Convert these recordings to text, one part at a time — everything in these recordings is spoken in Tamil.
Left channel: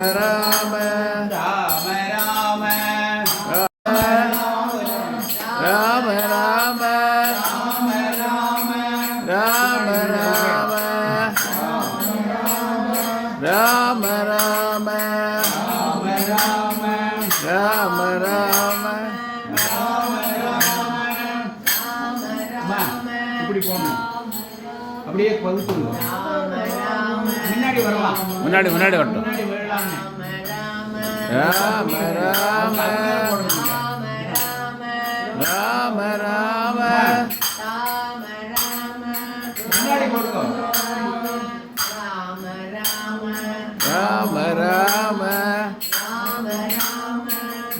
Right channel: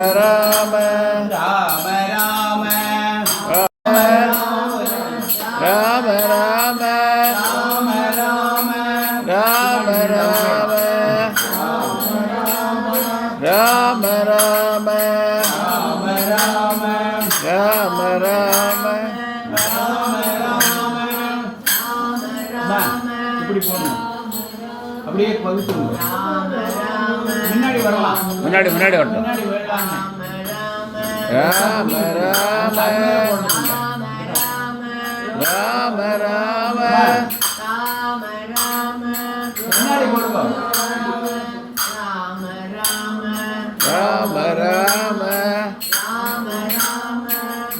ராம ராம ராம ராம ராம ராம ராம ராம ராம ராம ராம இப்படி போகணும். அப்படியே பகுத்துங்க. முன்னாடி வரலாம். முன்னாடி வரட்டும். முன்னாடி வரலாங்க. ராம ராம ராம ராம முன்னாடி போடுங்க. ராம ராம ராம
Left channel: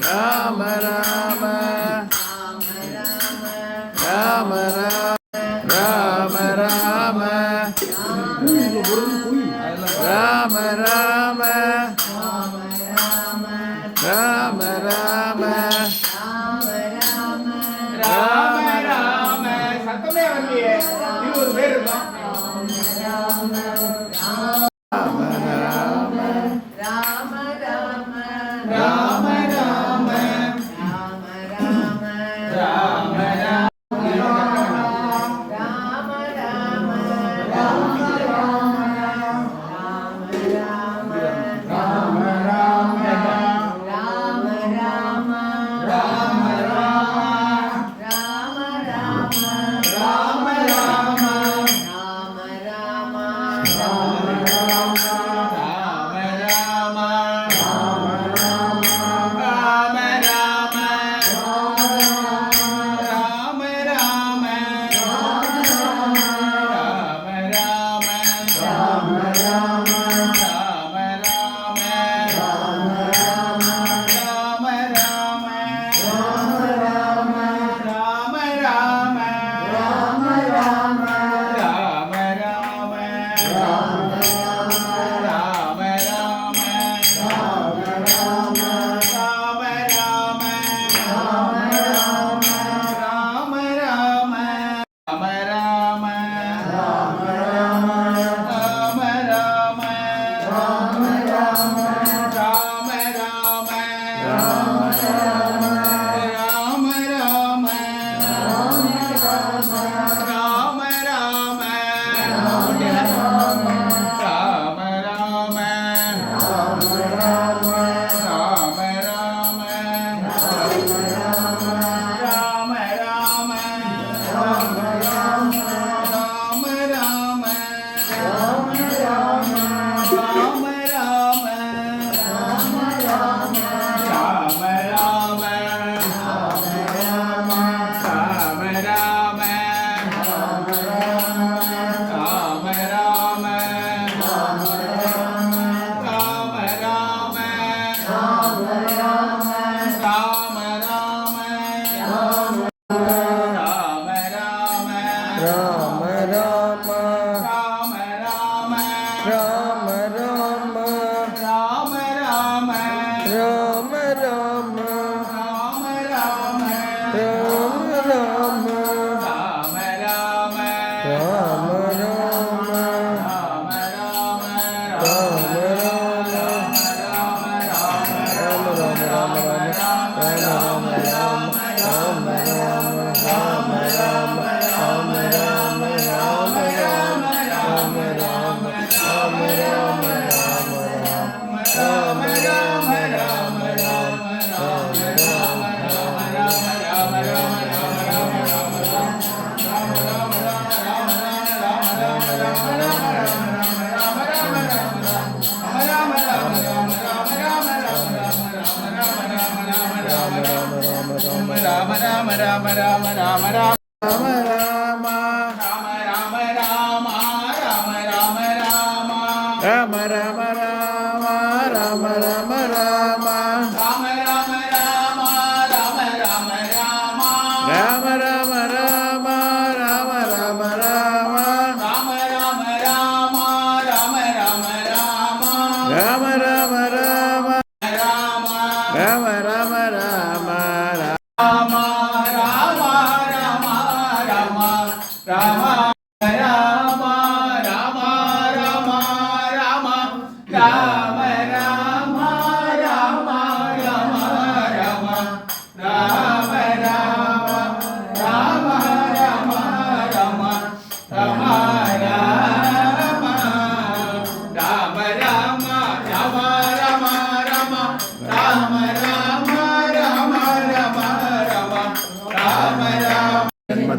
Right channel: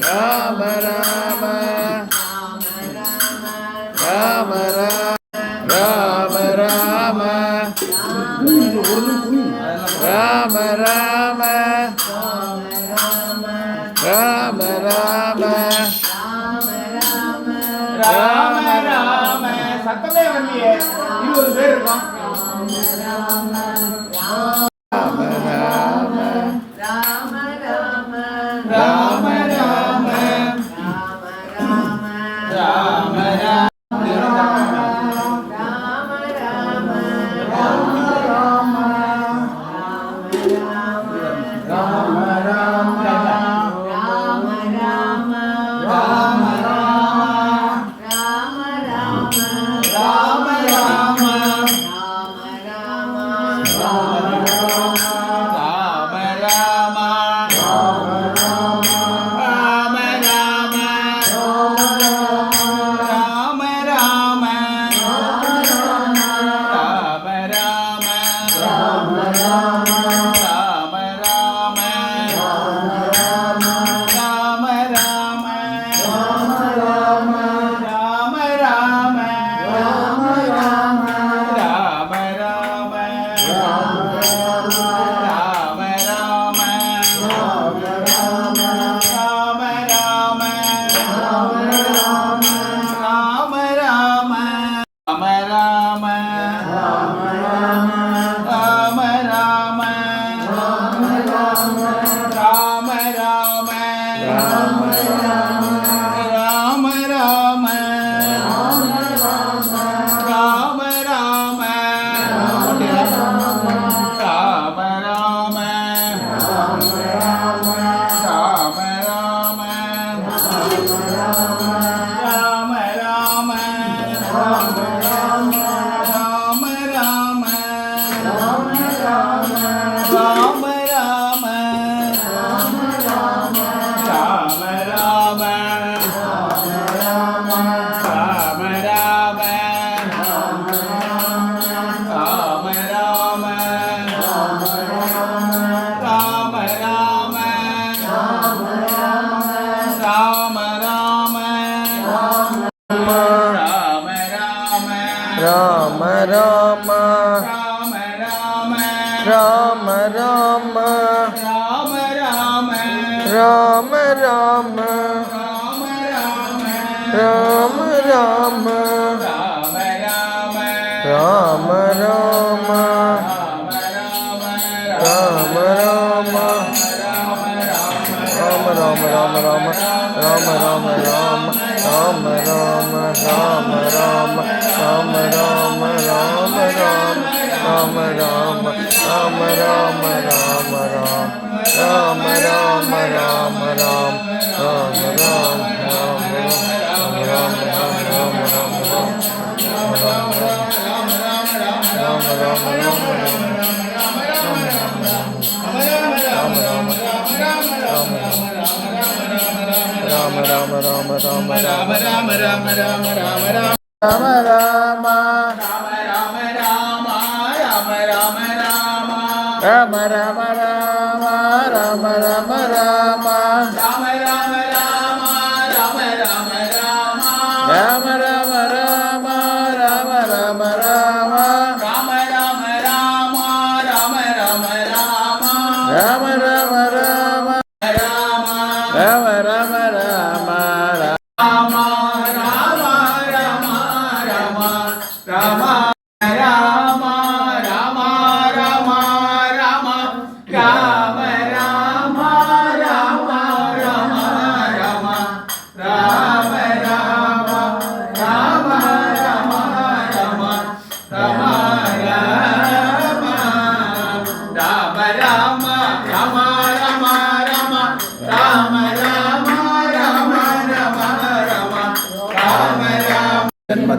ராம ராம ராம ராம ராம ராம ராம ராம ராம ராம சத்தமே வரலையே. இது ஒரு பேர் இருக்கும். ராம ராம ராம ராம ராம ராம ராம ராம ராம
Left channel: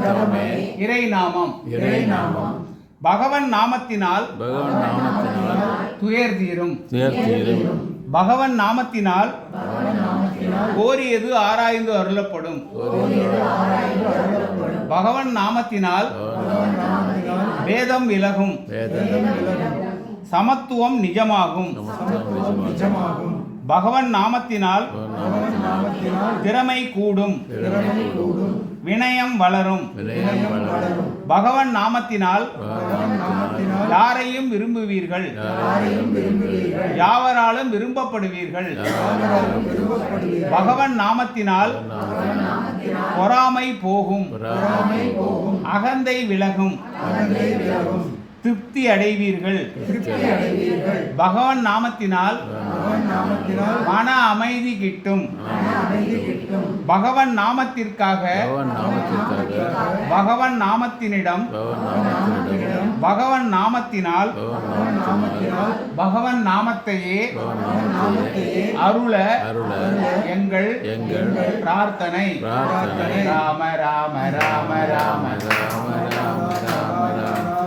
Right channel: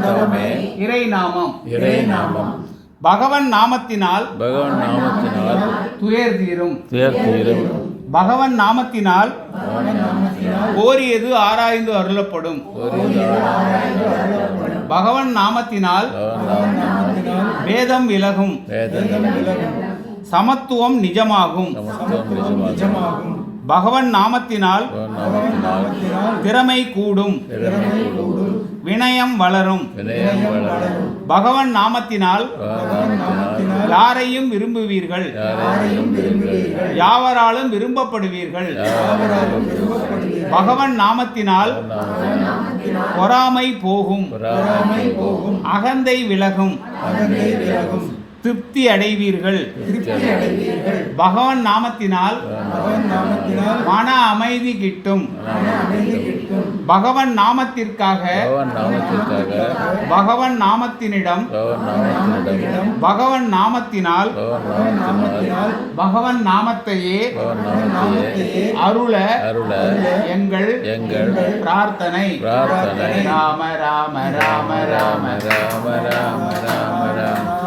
தவமே இறை நாமம். இறை நாமம். பகவன் நாமத்தினால் பகவான் நாமத்தினால் துயர் தீரும். துயர் தீரும். பகவன் நாமத்தினால் கோரியது ஆராய்ந்து அருளப்படும். பகவன் நாமத்தினால் வேதம் விலகும். சமத்துவம் நிஜமாகும். பகவன் நாமத்தினால் திறமை கூடும். வினயம் வளரும். பகவன் நாமத்தினால் யாரையும் விரும்புவீர்கள். யாவராலும் விரும்பப்படுவீர்கள். பகவன் நாமத்தினால் பொறாமை போகும். அகந்தை விலகும். திருப்தி அடைவீர்கள். பகவன் நாமத்தினால் மன அமைதி கிட்டும். பகவன் நாமத்திற்காக பகவன் நாமத்தினிடம் பகவன் நாமத்தினால் பகவன் நாமத்தையே அருள எங்கள் பிரார்த்தனை. ராம ராம ராம ராம ராம ராம ராம ராம